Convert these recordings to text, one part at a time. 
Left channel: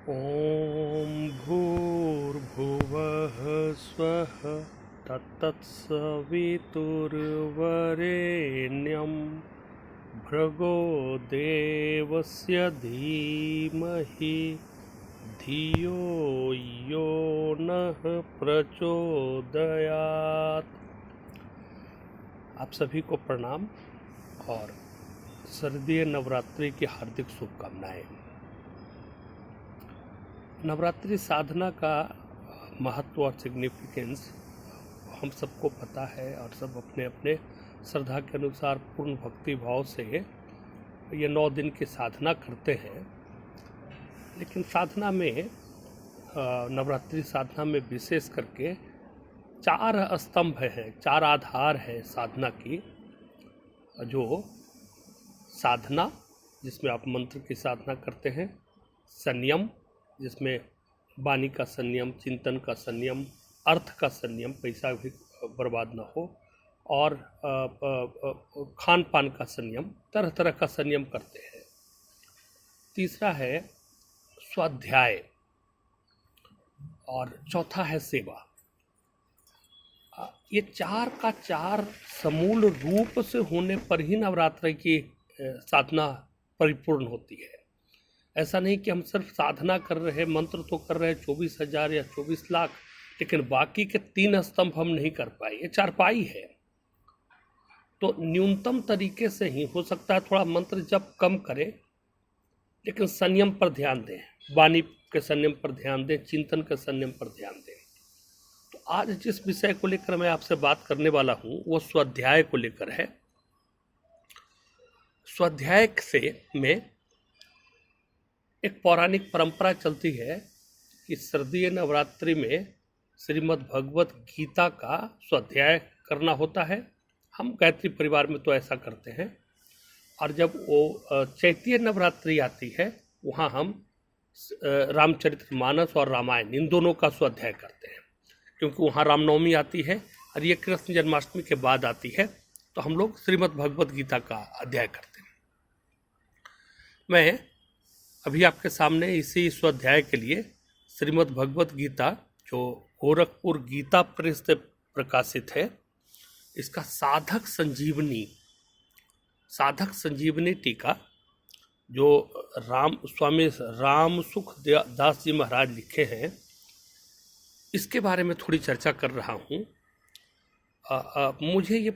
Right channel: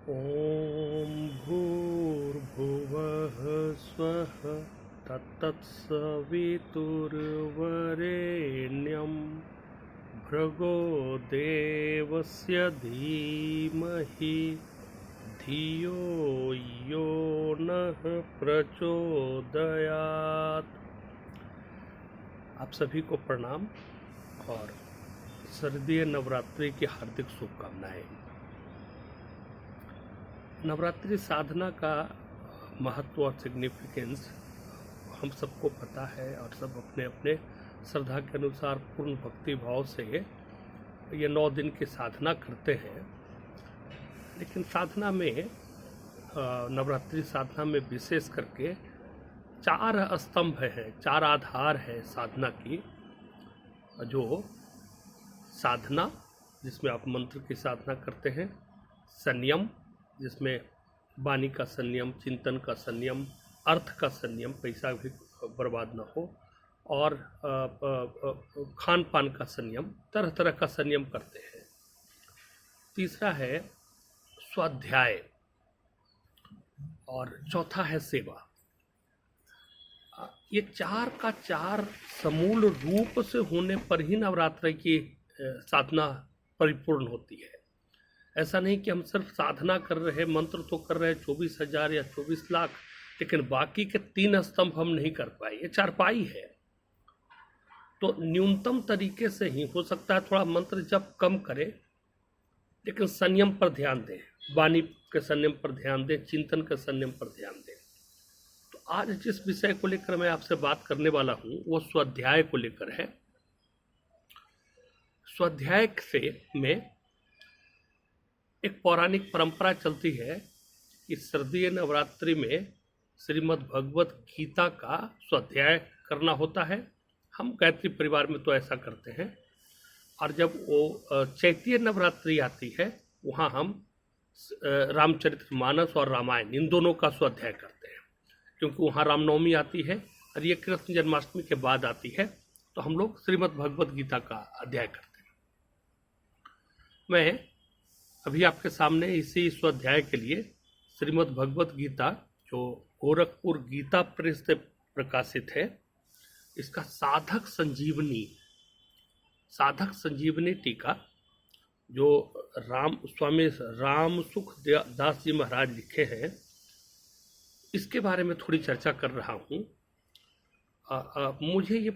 ॐ भूर्भुवः स्वः तत्तत्सवितुर्वरेण्यं भर्गो देवस्य धीमहि धियो यो नः प्रचोदयात्। आप सभी को प्रणाम और शारदीय नवरात्रि की हार्दिक शुभकामनाएं। नवरात्रि साधना का महत्व और सिग्निफिकेंस हम सबको पता है और सब अपने अपने श्रद्धा के अनुसार पूर्ण भक्ति भाव से ये 9 दिन की साधना करते हैं। लेकिन साधना में नवरात्रि साधना में विशेष करके 4 स्तंभ हैं, 4 आधार है साधना की। जो साधना जिसमें आप मंत्र की साधना करते हैं, संयम जिसमें वाणी का संयम, चिंतन का संयम, अर्थ का संयम, पैसा भी बर्बाद ना हो, और खान पान का संयम, तरह तरह का संयम करते हैं। तीसरा है स्वाध्याय और चौथा है सेवा। ये 4 का 4 समूल रूप से होने पर ही नवरात्रि की साधना परिपूर्ण होती है। ऐसा नहीं कि हम सिर्फ साधना कर रहे, मंत्र तो कर रहे 24,000 या 24 लाख, लेकिन बाकी के 3 स्तंभ हम नहीं कर पाए। ये चारपाई है, तो न्यूनतम तरीके से ही हो सकता है थोड़ा मंत्र जप कम करें, लेकिन संयम पर ध्यान दें, वाणी के संयम पर ध्यान दें, चिंतन के संयम पर ध्यान दें। तो आज जिस विषय को लेकर मैं आपसे बात करने वाला हूँ वो स्वाध्याय को लेकर है। स्वाध्याय से में एक पौराणिक परंपरा चलती है कि शारदीय नवरात्रि में श्रीमद् भगवत गीता का स्वाध्याय करना होता है। हम गायत्री परिवार में तो ऐसा करते हैं, और जब वो चैतीय नवरात्रि आती है वहाँ हम रामचरितमानस और रामायण इन दोनों का स्वाध्याय करते हैं, क्योंकि वहाँ रामनवमी आती है और ये कृष्ण जन्माष्टमी के बाद आती है, तो हम लोग श्रीमद् भगवत गीता का अध्याय करते हैं। मैं अभी आपके सामने इसी स्वाध्याय के लिए श्रीमद् भगवत गीता, जो गोरखपुर गीता प्रेस से प्रकाशित है, इसका साधक संजीवनी टीका जो स्वामी राम सुख दास जी महाराज लिखे हैं, इसके बारे में थोड़ी चर्चा कर रहा हूँ। मुझे ये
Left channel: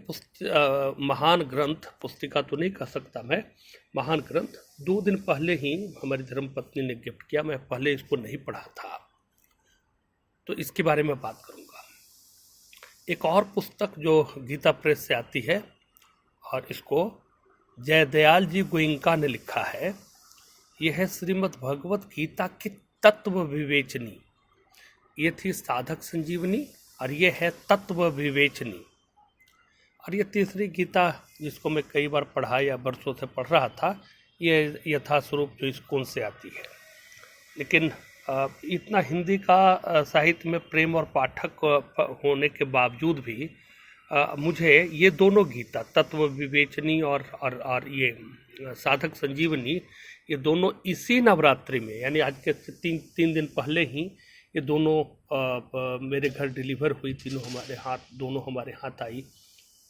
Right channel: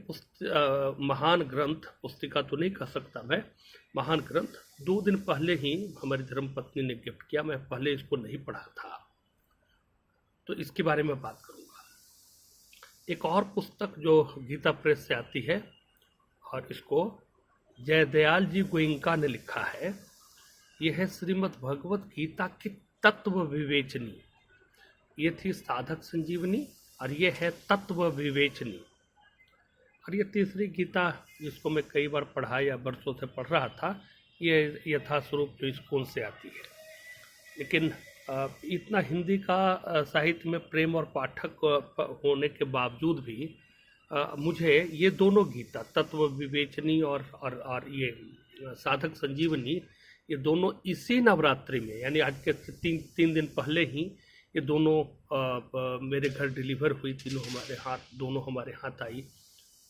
महान ग्रंथ, पुस्तिका तो नहीं कह सकता मैं, महान ग्रंथ 2 दिन पहले ही हमारी धर्मपत्नी ने गिफ्ट किया। मैं पहले इसको नहीं पढ़ा था, तो इसके बारे में बात करूंगा। एक और पुस्तक जो गीता प्रेस से आती है और इसको जयदयाल जी गोइंका ने लिखा है, यह है श्रीमद् भगवत गीता की तत्व विवेचनी। ये थी साधक संजीवनी और ये है तत्व विवेचनी। और ये तीसरी गीता जिसको मैं कई बार पढ़ा या बरसों से पढ़ रहा था, ये यथास्वरूप जो स्कूल से आती है। लेकिन इतना हिंदी का साहित्य में प्रेम और पाठक होने के बावजूद भी मुझे ये दोनों गीता, तत्व विवेचनी और ये साधक संजीवनी, ये दोनों इसी नवरात्रि में, यानी आज के 3 दिन पहले ही ये दोनों मेरे घर डिलीवर हुई। दोनों हमारे हाथ आई।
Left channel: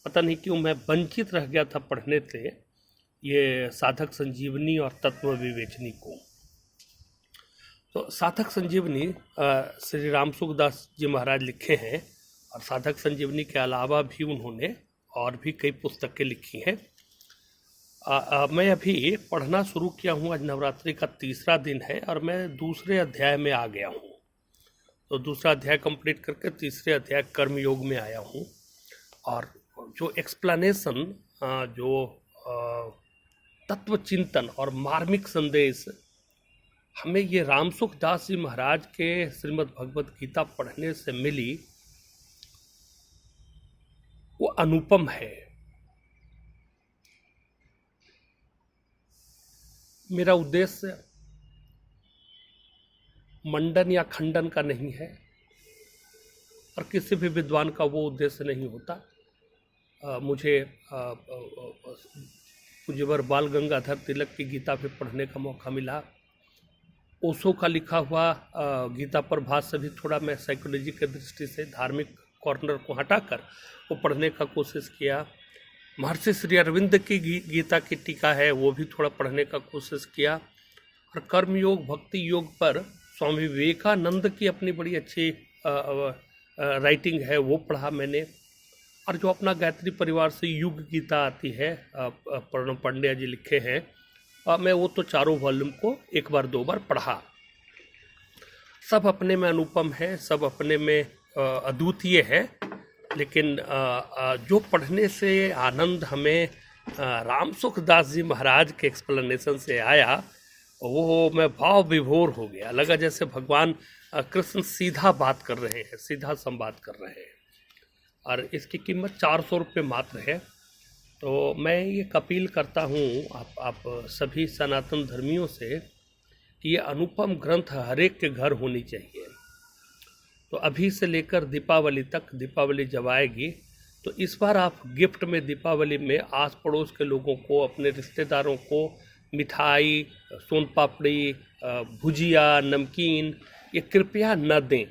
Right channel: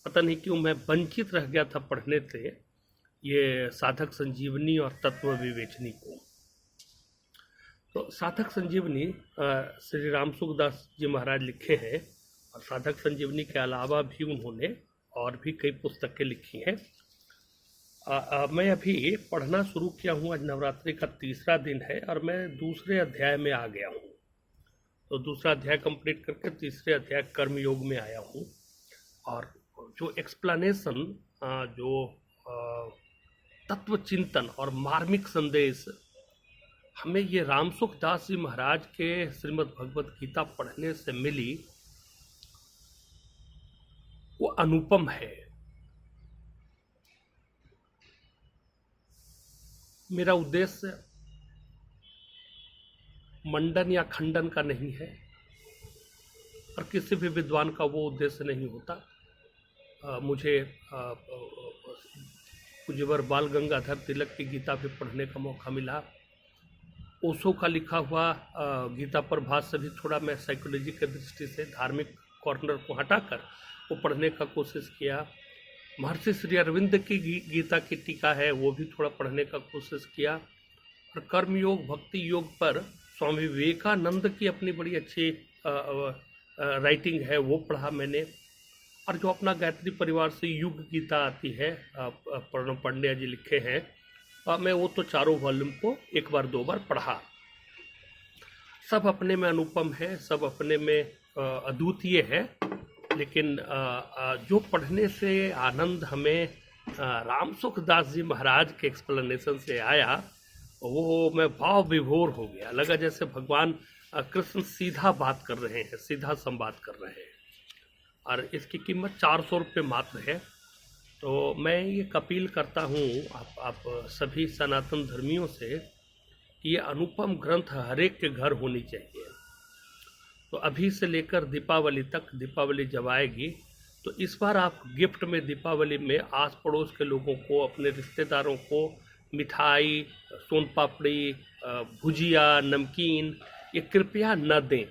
पता नहीं क्यों मैं वंचित रह गया था पढ़ने से ये साधक संजीवनी और तत्व विवेचनी को। तो साधक संजीवनी श्री राम सुख दास जी महाराज लिखे हैं, और साधक संजीवनी के अलावा भी उन्होंने और भी कई पुस्तकें लिखी हैं। मैं अभी पढ़ना शुरू किया हूँ। आज नवरात्रि का 3रा दिन है और मैं दूसरे अध्याय में आ गया हूँ। तो दूसरा अध्याय कंप्लीट करके तीसरे अध्याय कर्मयोग में आया हूँ। और जो एक्सप्लेनेशन, जो तत्व चिंतन और मार्मिक संदेश हमें ये रामसुख दास जी महाराज के श्रीमद् भगवत गीता पढ़ने से मिली, वो अनुपम है। मेरा उद्देश्य मंडन या खंडन का नहीं है, और किसी भी विद्वान का वो उद्देश्य नहीं होता। मुझे पूज्यवर बाल गंगाधर तिलक की गीता भी पढ़ने का मौका मिला। ओशो का लिखा हुआ गीता प्रभात से भी थोड़ा मैं साइकोलॉजी की दृष्टि से धार्मिक कॉर्नर को हटाकर वो पढ़ने का कोशिश किया। महर्षि श्री अरविंद की गीता की टीका है वो भी थोड़ा पढ़ने का कोशिश किया। और कर्मयोग भक्ति योग पर स्वामी विवेकानंद की अपनी बड़ी अच्छी राइटिंग है वो पढ़ा मैंने। और जो अपना गायत्री परिवार से युग गीता आती है प्रणव पांड्या जी लिखे हैं, मैं वो तो चारों वॉल्यूम को एक बार दो बार पढ़ा। सब अपने में अनुपम है, सब अपने में अद्वितीय है, लेकिन जो पढ़ने से आनंद हमें राम सुखदास जी महाराज के एक्सप्लेनेशन से आया वो मैं भाव विभोर हो गया। लगा जैसे भगवान कृष्ण सीधा बात कर रहे हैं, सीधा संवाद कर रहे हैं। और इसकी कीमत 400 रुपये मात्र है। तो मैं ये अपील करता हूँ आप सभी सनातन धर्मियों से कि ये अनुपम ग्रंथ हर एक के घर होनी चाहिए। तो अभी से लेकर दीपावली तक, दीपावली जब आएगी तो इस बार आप गिफ्ट में दीपावली में आस पड़ोस के लोगों को, अपने रिश्तेदारों को मिठाई, सोन पापड़ी, भुजिया, नमकीन ये कृपया न दें।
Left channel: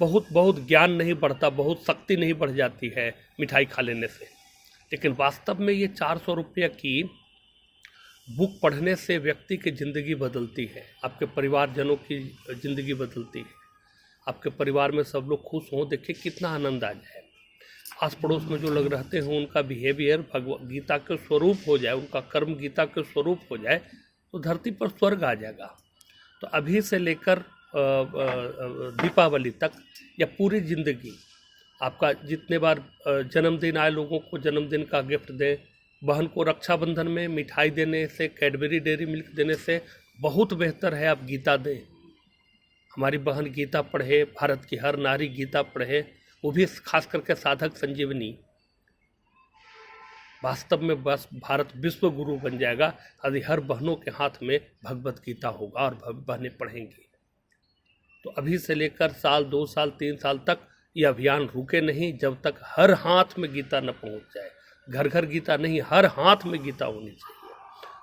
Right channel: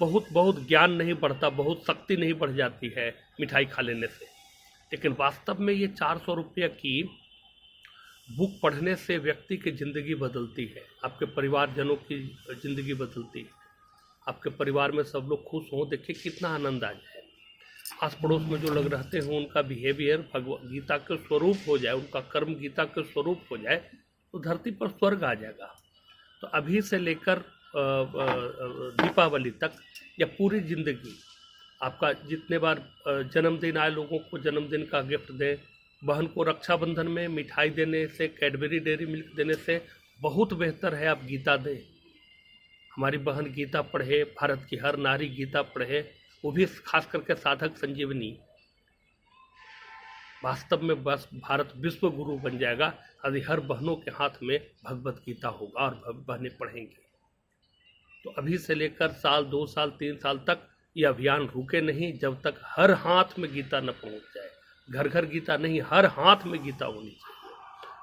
बहुत ज्ञान नहीं बढ़ता, बहुत शक्ति नहीं बढ़ जाती है मिठाई खा लेने से, लेकिन वास्तव में ये 400 रुपये की बुक पढ़ने से व्यक्ति की ज़िंदगी बदलती है, आपके परिवारजनों की ज़िंदगी बदलती है। आपके परिवार में सब लोग खुश हों, देखिए कितना आनंद आ जाए। आस पड़ोस में जो लोग रहते हैं उनका बिहेवियर भगवत गीता के स्वरूप हो जाए, उनका कर्म गीता के स्वरूप हो जाए तो धरती पर स्वर्ग आ जाएगा। तो अभी से लेकर दीपावली तक या पूरी ज़िंदगी आपका जितने बार जन्मदिन आए लोगों को जन्मदिन का गिफ्ट दें। बहन को रक्षाबंधन में मिठाई देने से, कैडबरी डेयरी मिल्क देने से बहुत बेहतर है आप गीता दें। हमारी बहन गीता पढ़े, भारत की हर नारी गीता पढ़े, वो भी खास करके साधक संजीवनी। वास्तव में बस भारत विश्व गुरु बन जाएगा यदि हर बहनों के हाथ में भगवत गीता होगा और बहनें पढ़ेंगी। तो अभी से लेकर साल, 2 साल, 3 साल तक ये अभियान रुके नहीं जब तक हर हाथ में गीता न पहुंच जाए। घर घर गीता नहीं, हर हाथ में गीता होनी चाहिए,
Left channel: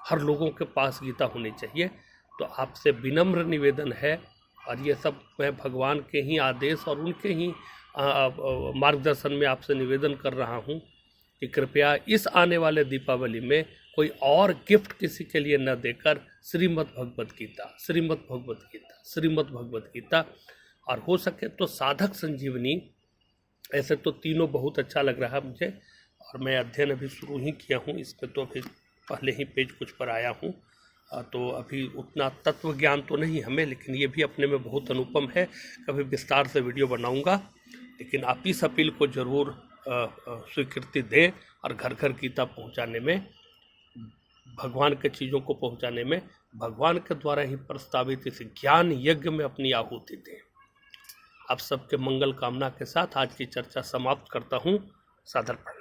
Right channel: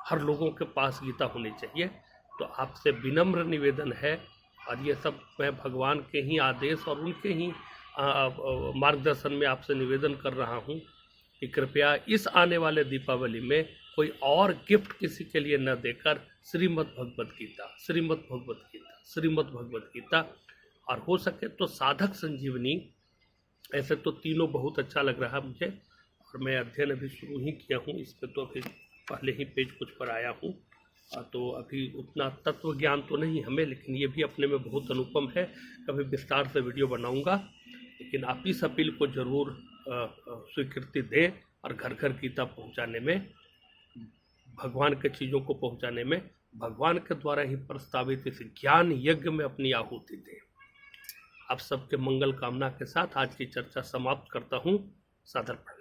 हर लोगों के पास गीता होनी चाहिए। तो आपसे विनम्र निवेदन है, और ये सब मैं भगवान के ही आदेश और उनके ही मार्गदर्शन में आपसे निवेदन कर रहा हूँ कि कृपया इस आने वाले दीपावली में कोई और गिफ्ट किसी के लिए न देकर श्रीमद् भगवत गीता, श्रीमद् भगवत गीता, श्रीमद् भगवत गीता, और हो सके तो साधक संजीवनी। ऐसे तो तीनों बहुत अच्छा लग रहा मुझे, और मैं अध्ययन अभी शुरू ही किया हूँ इस पर, तो अभी पहले ही पेज कुछ पर आया हूँ। तो अभी उतना तत्व ज्ञान तो नहीं हमें, लेकिन ये भी अपने में बहुत अनुपम है। कभी विस्तार से वीडियो बनाऊँगा, लेकिन आप इस अपील को ज़रूर स्वीकृति दें और घर घर गीता पहुँचाने में, भगवान के चीज़ों को पहुँचाने में, भगवान के द्वारा ही प्रस्तावित इस ज्ञान यज्ञ में अपनी आहुति दें। आप सबके मंगल कामना के साथ आज की चर्चा समाप्त करता हूँ। सादर प्रणाम।